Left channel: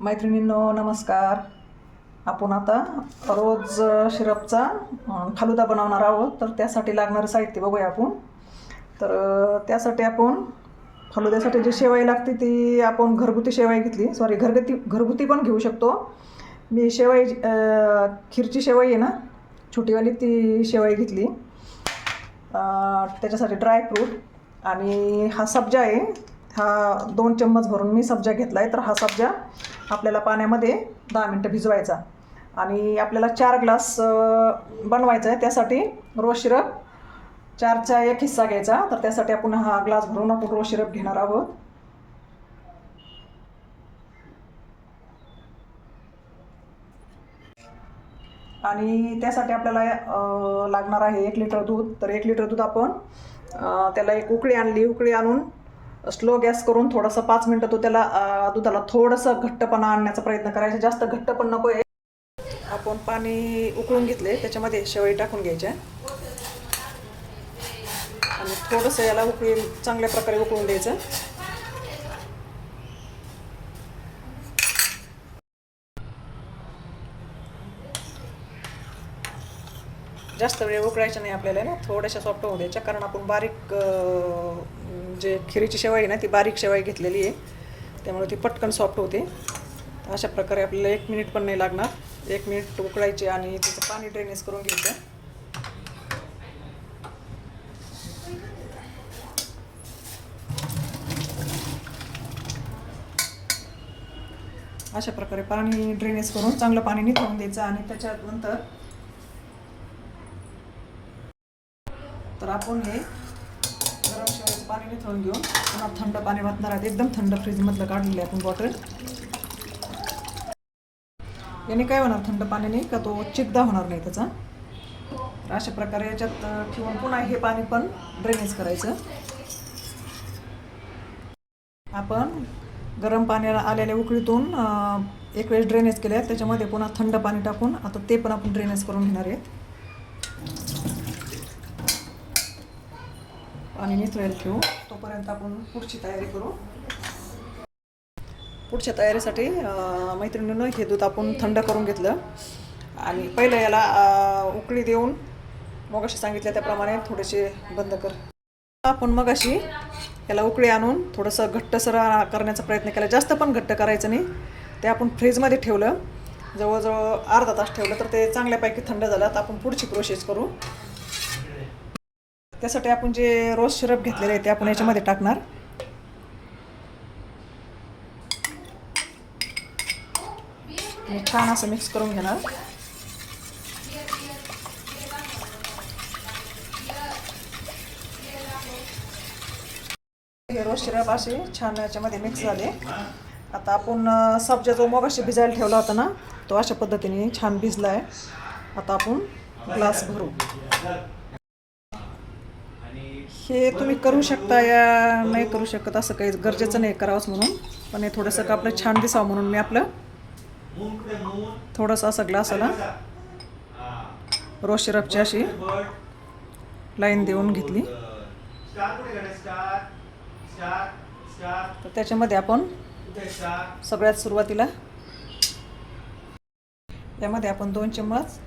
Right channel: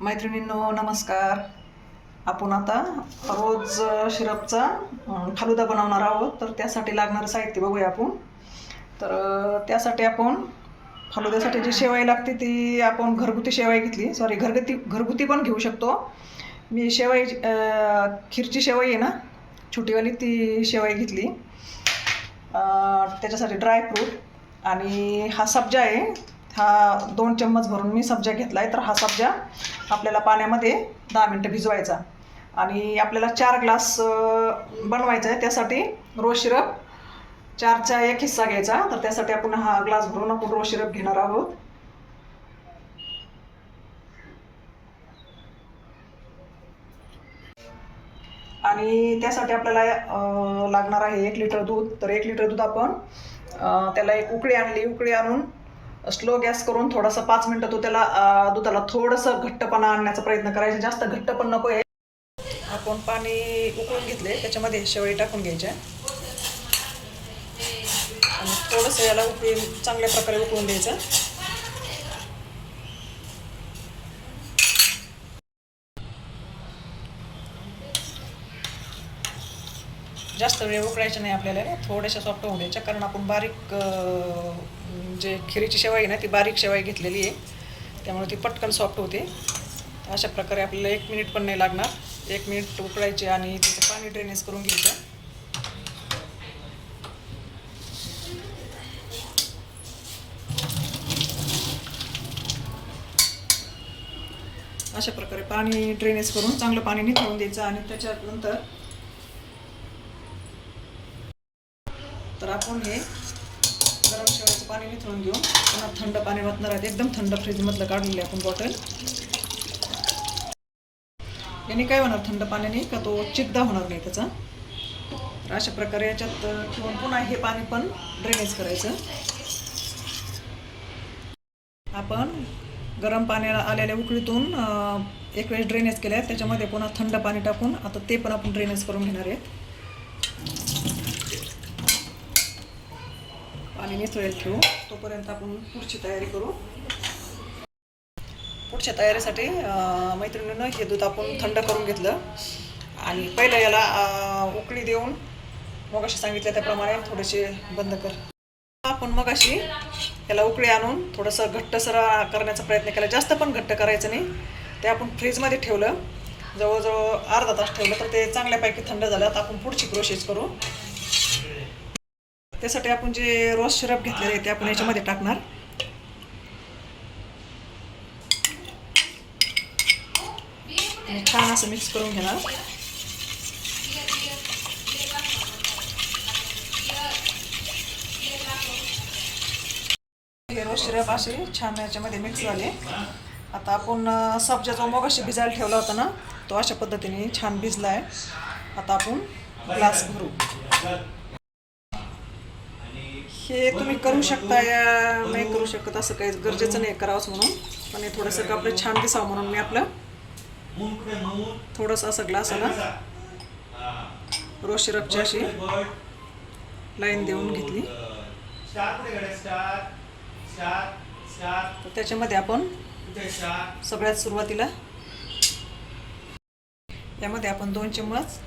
मैत्रिणींनो नमस्कार. आपण आता रोज सिरपचा फालुदा बनवणार आहोत. तर त्यासाठी लागणारं साहित्य बघूया आपण. तर त्यासाठी आपण फालुद्यासाठी जी शेवई लागते ती आपण घरगुती शेवई घेतली. घरगुती पण घेऊ शकतो. मी शेवई खीरची शेवई आहे ना छोटीवाली ती शेवई घेतली. त्याच्यासाठी ड्रायफ्रूट आणि हा सब्जा आहे. हा 2 चम्मच भरून मी सब्जा घेतला आहे. तर हा सब्जा आपल्याला पाण्यामध्ये 10 मिनटं भिजवायचा आणि आपल्याला 4 ग्लास बनवायचा आहे. त्यासाठी रोज सिरप 4चा 1 हिस्सा घ्यायचा. तर त्यासाठी आपण हा ग्लास भरून आपण रोज सिरप घेणार आहोत. आणि त्यासाठी आपल्याला लागणार आहे 1 लिटर दूध. तर 1 लिटर दूध आपण त्याला एक उकळी आणली. उकळी आणून स्लो गॅस करून थोडासा 5 मिनटं तो त्याला दुधाला थोडंसं घट्टपणा आणण्याचा प्रयत्न करायचा. जास्त घट्ट पण नको आहे. आपण पाणी उकळून घेतले त्याच्यामध्ये शेवई टाकून घ्यायच्या आणि थोडंसं याला चांगल्या प्रकारे उकळून द्यायचं. जास्त वेळ उकळायचं नाही आपल्याला ना, थोड्याशा सॉफ्ट होऊ द्यायच्या. कारण आपण बारीक जे खिरीची शेवई आहे ना ती बारीक शेवई घेतलेली आहे, त्यामुळे ती पटकन सॉफ्ट होते. अशा प्रकारे आपल्याला 1 मिनिट पण नाही लागणार. 1 मिनिट उकळायचे आणि तिचं पाणी ड्रेनेज करून घ्यायचं. अशा प्रकारे पाणी ड्रेनेज करून चांगलं पाणी निथळून द्यायचं. आणि त्याच्यानंतर तर आपण हे गरम शेवयाचं पाणी निथळून घेऊन पुन्हा थंड पाणी वाटणार आहे. एकदम थंड फ्रीजमधलं काढलेलं आहे आपण बॉटल. याने काय होणार थंड पाण्याने का तो चिकदा होणार नाही त्याचा. तर अशा प्रकारे याच्यात ठेवून पुन्हा हे पाणी पण ड्रेनेज करायचं. आपण गरम पाण्याला आलेल्या उकळीतून एक वेळेस ड्रेनेज केल्या, त्याच्यामध्ये पुन्हा थंड पाणी टाकून आता ते पण आपण ड्रेनेज करून घेणार आहेत. पाणी निथळेल ठेवू. तोपर्यंत आपण पुढची तयारी करू. पुढच्या तयारीसाठी मैत्रिणींनो हे दूध आपण थंड करून घेतलं आणि पहिलं याला उकळी देऊन मगाशी सांगितलं त्याप्रमाणे थोडेसे बंद कर. आपण मगाशी याला उकळी आणून थोडंसं घट्टसर करण्याचा प्रयत्न केला. जास्त पण घट्ट करायचं नाही. ते आपण फ्रीजमध्ये ठेवलं, जवळजवळ अर्धा तास ठेवलं, तर ते चांगल्यापैकी थंड झालं. आता आपण पुढची प्रोसेस करू. त्यासाठी आपण जे रोज सिरप घेतलेले आहे ते आपण याच्यामध्ये टाकणार. आणि छान असं मिक्स करून घेणार. हे रोज सिरप असे छान याच्यामध्ये मिक्स झाले. आता आपण सब्जा जो मगाशी भिजायला ठेवला होता ना तो अशा पद्धतीने छान भिजला आहे. आता आपण ग्लास भरू. हे तुम्ही करू शकता या नाही करू शकत असं काही गरजेचं नाही करावंच म्हणून, पण हे थोडंसं का आपलं छान दिसावं म्हणून मी आपलं थोडंसं असं ग्लासाला रोज सिरपची अशी लाईन देऊन घेतली. तर त्याच्यामध्ये आपण सगळ्यात सुरुवातीला यामध्ये आपण 2 चम्मच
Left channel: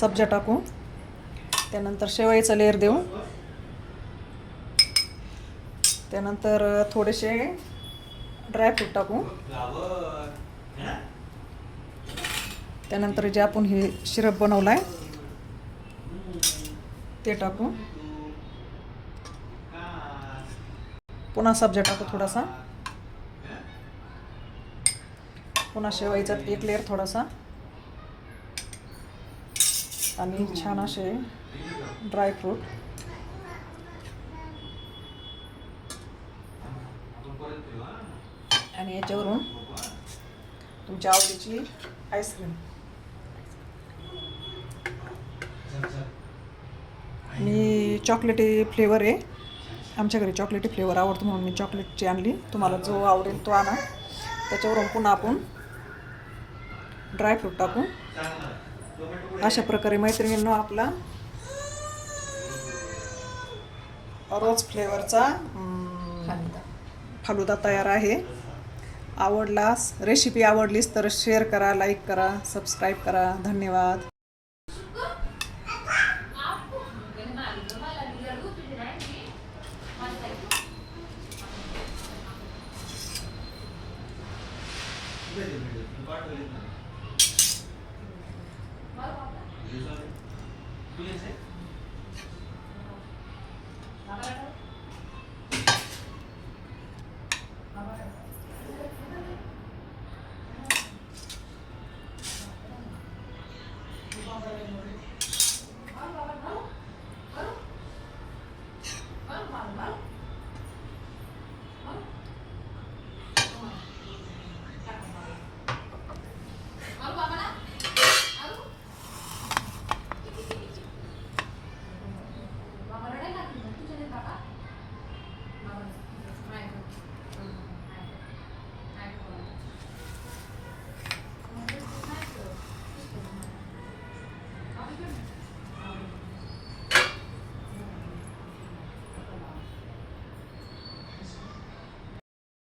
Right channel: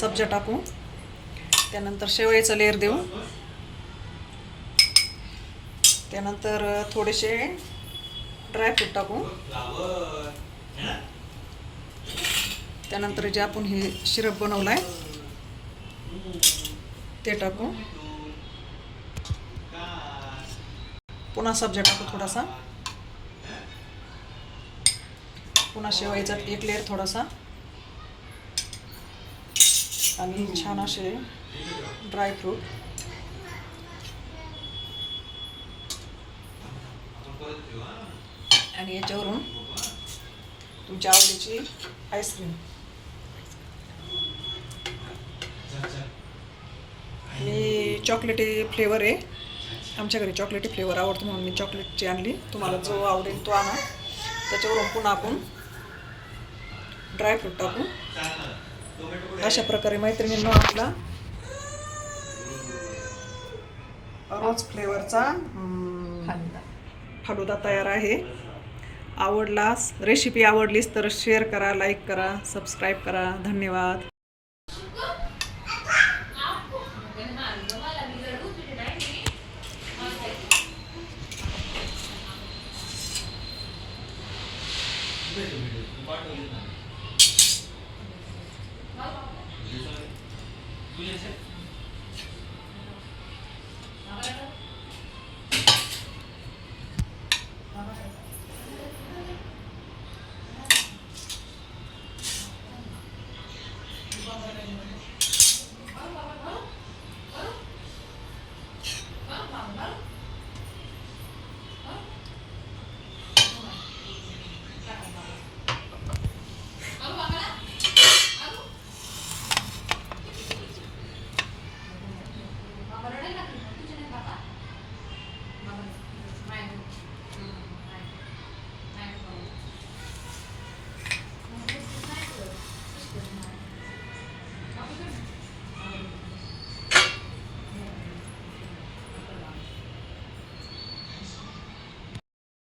सब्जा टाकू. त्यानंतर शेवयाचं लेअर देऊ. त्यानंतर थोडेसे ड्रायफ्रूट टाकू. त्यानंतर जे आपण हे सिरप बनवलं आहे ते टाकू. पुन्हा सब्जा टाकू थोडासा. पुन्हा शेवयाचा 1 लेअर थोडासा आणि छान असे ड्रायफ्रूट. आणि याच्यावरून तुमच्या आवडीची आईस्क्रीम. मी चॉकलेटी फ्लेवर आहे, आमच्या घरी चॉकलेटी फ्लेवर आवडतो म्हणून मी चॉकलेटची आणली. तुम्हाला जो आवडेल तो आणा. त्याच्यावरून पुन्हा आपण ड्रायफ्रूट टाकू. अशा प्रकारे मैत्रिणींनो आपला रोज फ्लेवरचा फालुदा तयार आहे. आवडलास रेसिपी आवडलीस तर शेअर करा, लाईक करा, सबस्क्राईब करा. धन्यवाद.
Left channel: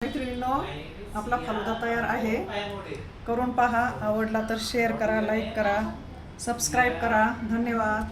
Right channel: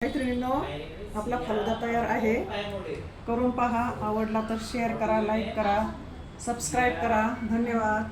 मैत्रिणींनो, आपला फालुदा तयार आहे. करून पहा. आवडला तर शेअर करा, लाईक करा, सबस्क्राईब करा. धन्यवाद.